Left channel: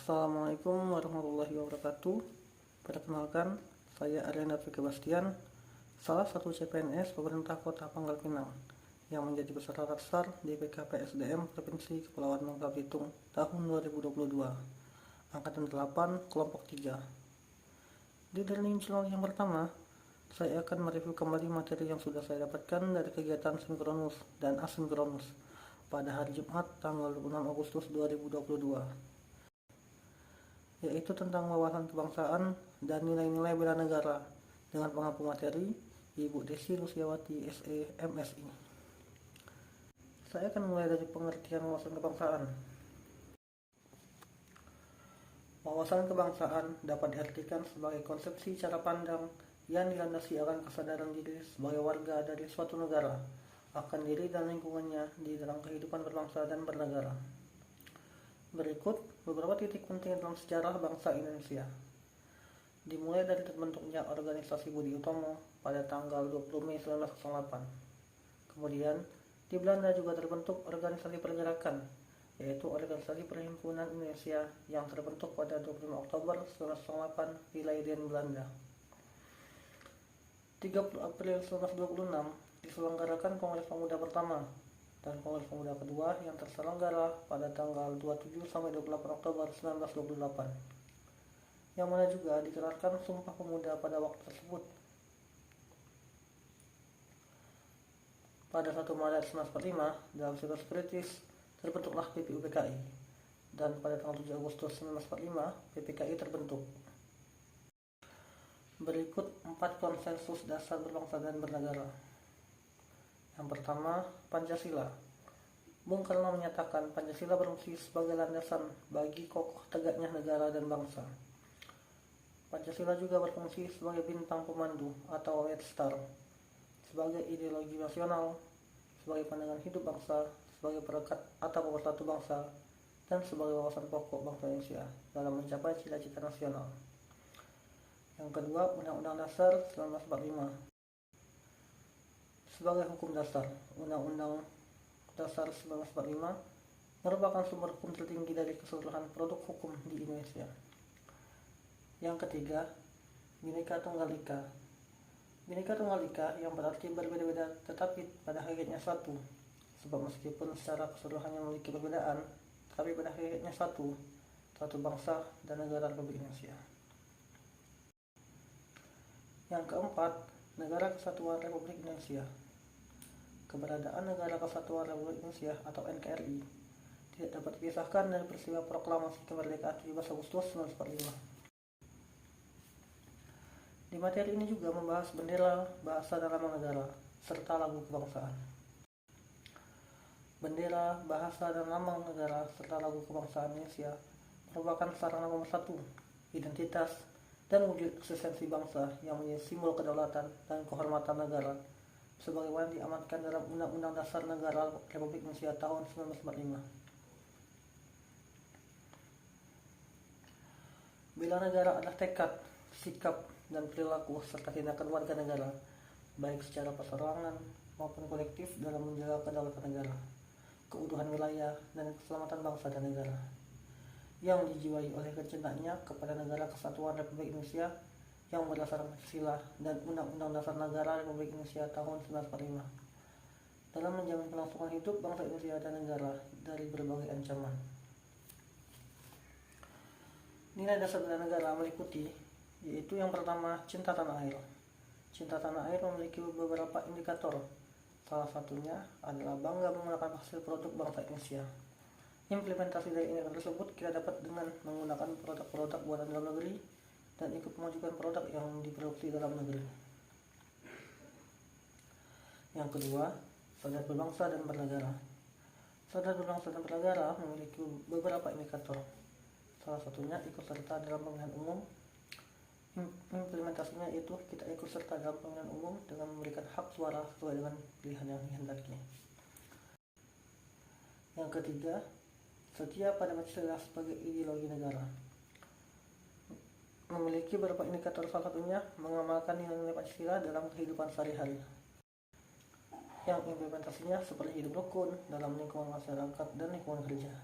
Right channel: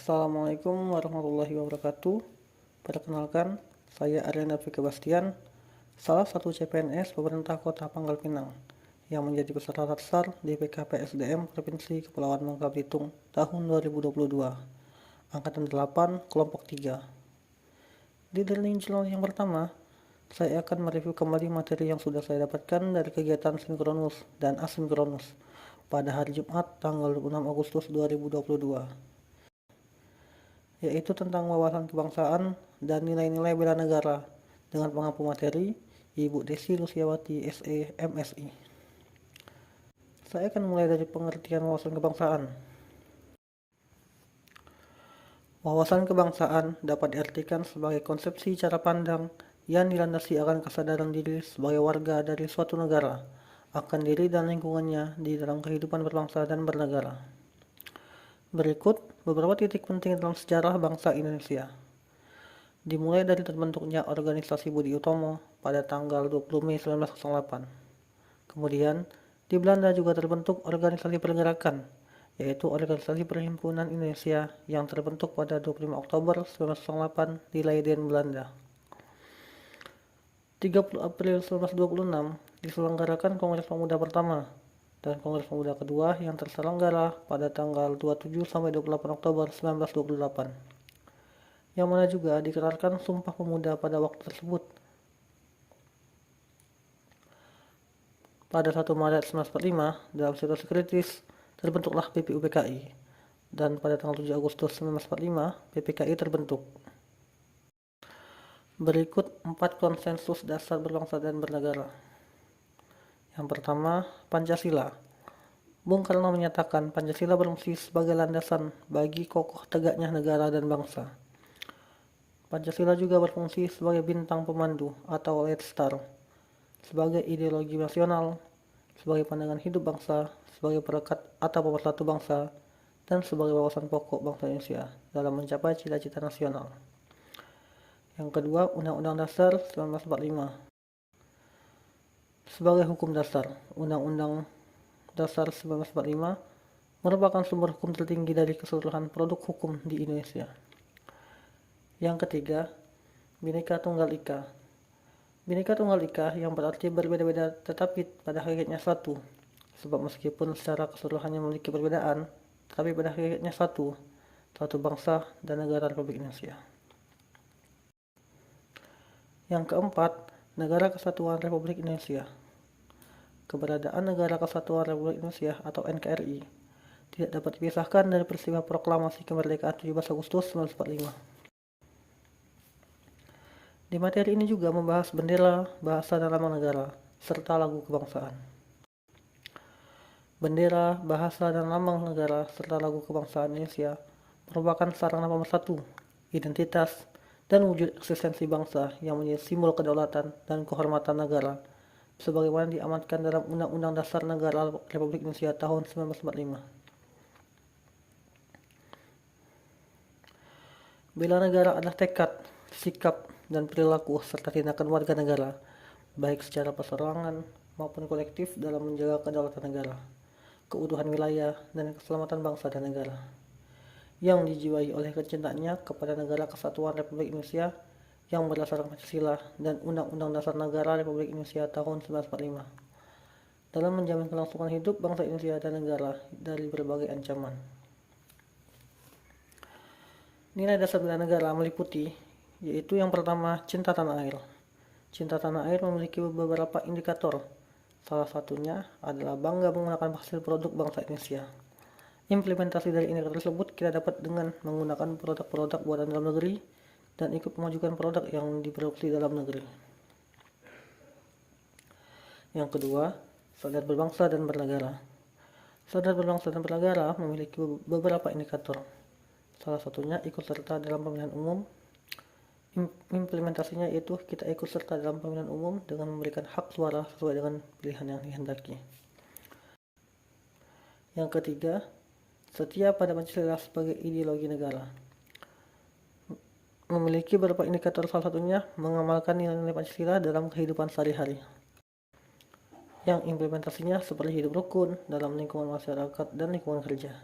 Assalamualaikum warahmatullahi wabarakatuh. Perkenalkan, saya Arena Fika Bastian, salah satu CPNS pemerintah Kota Pangkal Pinang yang menjadi peserta latsar di PKPSDM Provinsi Kepulauan Bangka Belitung tahun 2022, Angkatan 8, Kelompok 3. Di learning journal yang pertama, saya akan mereview kembali materi yang sudah saya dapatkan dari kegiatan sinkronus dan asinkronus pada hari Jumat tanggal 26 Agustus 2022, yaitu tentang wawasan kebangsaan dan nilai-nilai bela negara dengan pengampu materi Ibu Desi Lusiawati SE MSI. Saya akan mulai dari pengertian wawasan kebangsaan. Wawasan kebangsaan dapat diartikan sebagai konsepsi cara pandang yang dilandasi akan kesadaran diri sebagai warga dari suatu negara, akan diri dan lingkungannya di dalam kehidupan berbangsa dan bernegara. Berikut beberapa titik penting dalam sejarah bangsa Indonesia. Dimulai dari terbentuknya organisasi Budi Utomo pada tanggal 20 Mei 1908. Kemudian, di Belanda juga terbentuk organisasi pergerakan, yaitu Organisasi Perhimpunan Indonesia yang terbentuk pada 25 Oktober 1908 di Leiden, Belanda. 30 April 1926 diselenggarakan Kongres Pemuda pertama dan Kongres Pemuda kedua yang terselenggara pada tanggal 27 sampai 28 Oktober 1928. Yang mana juga dikeluarkan Sumpah Pemuda pada waktu tersebut. Pada 1 Maret 1945, dalam situasi kritis, terbentuklah PPUPKI, dan pada tanggal 7 Agustus 1945, PPKI terbentuk. Berikut 4 konsensus dasar berbangsa dan bernegara. Yang pertama, Pancasila. Bung Karno menyatakan Pancasila berfungsi sebagai landasan bagi kokoh tegaknya negara dan bangsa. Pancasila juga berfungsi sebagai bintang pemandu atau light star, sebagai ideologi nasional, sebagai pandangan hidup bangsa, sebagai perekat atau pemersatu bangsa, dan sebagai wawasan pokok bangsa Indonesia dalam mencapai cita-cita nasional. Yang kedua, Undang-Undang Dasar 1945. Sebagai hukum dasar, Undang-Undang Dasar 1945 merupakan sumber hukum tertinggi dari keseluruhan produk hukum di Indonesia. Yang ketiga, Bhinneka Tunggal Ika. Bhinneka Tunggal Ika yang berarti berbeda-beda tetapi pada hakikatnya satu, sebab meskipun secara keseluruhannya memiliki perbedaan, tetapi pada hakikatnya satu bangsa dan negara Republik Indonesia. Yang keempat, Negara Kesatuan Republik Indonesia. Keberadaan Negara Kesatuan Republik Indonesia atau NKRI tidak dapat dipisahkan dari peristiwa proklamasi kemerdekaan 17 Agustus 1945. Di materi ini juga membahas bendera, bahasa dan lambang negara, serta lagu kebangsaan. Bendera, bahasa dan lambang negara, serta lagu kebangsaan Indonesia merupakan sarana pemersatu, identitas, dan wujud eksistensi bangsa yang menjadi simbol kedaulatan dan kehormatan negara, sebagaimana diamanatkan dalam Undang-Undang Dasar Negara Republik Indonesia tahun 1945. Bela negara adalah tekad, sikap, dan perilaku serta tindakan warga negara, baik secara perseorangan maupun kolektif dalam menjaga kedaulatan negara, keutuhan wilayah, dan keselamatan bangsa dan negara, yang dijiwai oleh kecintaannya kepada Negara Kesatuan Republik Indonesia yang berdasarkan Pancasila dan Undang-Undang Dasar Negara Republik Indonesia tahun 1945, dalam menjamin kelangsungan hidup bangsa Indonesia dan negara dari berbagai ancaman. Nilai dasar bela negara meliputi yaitu yang pertama, cinta tanah air. Cinta tanah air memiliki beberapa indikator. Salah satunya adalah bangga menggunakan hasil produk bangsa Indonesia. Implementasi dari indikator tersebut kita dapat dengan menggunakan produk-produk buatan dalam negeri dan ikut memajukan produk yang diproduksi dalam negeri. Yang kedua, sadar berbangsa dan bernegara. Sadar berbangsa dan bernegara memiliki beberapa indikator. Salah satunya ikut serta dalam pemilihan umum. Implementasinya yaitu kita ikut serta dalam pemilihan umum dengan memberikan hak suara sesuai dengan pilihan yang dihendaki. Yang ketiga, setia pada Pancasila sebagai ideologi negara. Memiliki beberapa indikator, salah satunya mengamalkan nilai-nilai Pancasila dalam kehidupan sehari-hari, yang implementasinya seperti hidup rukun dalam lingkungan masyarakat dan lingkungan kerja,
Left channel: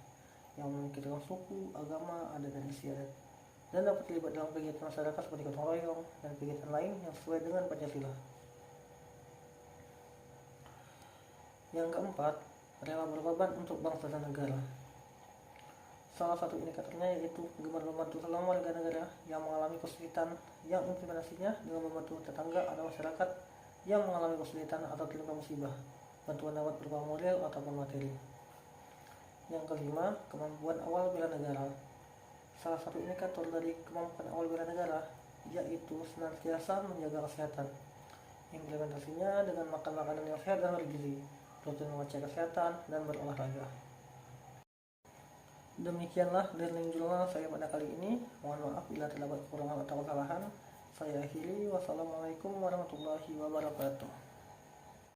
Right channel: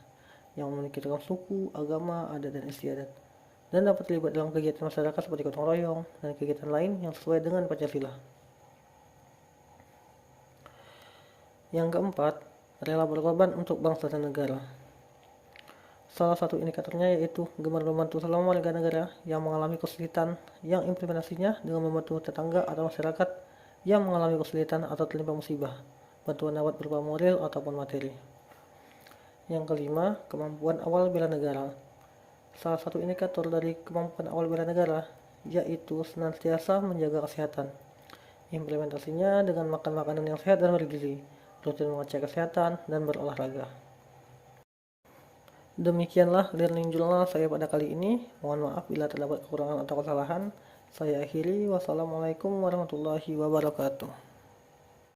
yang memiliki ragam suku, agama, adat, dan istiadat, dan dapat terlibat dalam kegiatan masyarakat seperti gotong royong dan kegiatan lain yang sesuai dengan Pancasila. Yang keempat, rela berkorban untuk bangsa dan negara. Salah satu indikatornya yaitu gemar membantu sesama warga negara yang mengalami kesulitan, yang implementasinya dengan membantu tetangga atau masyarakat yang mengalami kesulitan atau tertimpa musibah, bantuan dapat berupa moral ataupun materi. Yang kelima, kemampuan awal bela negara. Salah satu indikator dari kemampuan awal bela negara yaitu senantiasa menjaga kesehatan. Implementasinya dengan makan makanan yang sehat dan bergizi, rutin mengecek kesehatan, dan berolahraga. Demikianlah learning journal saya pada kali ini. Mohon maaf bila terdapat kekurangan atau kesalahan. Saya akhiri. Wassalamualaikum warahmatullahi wabarakatuh.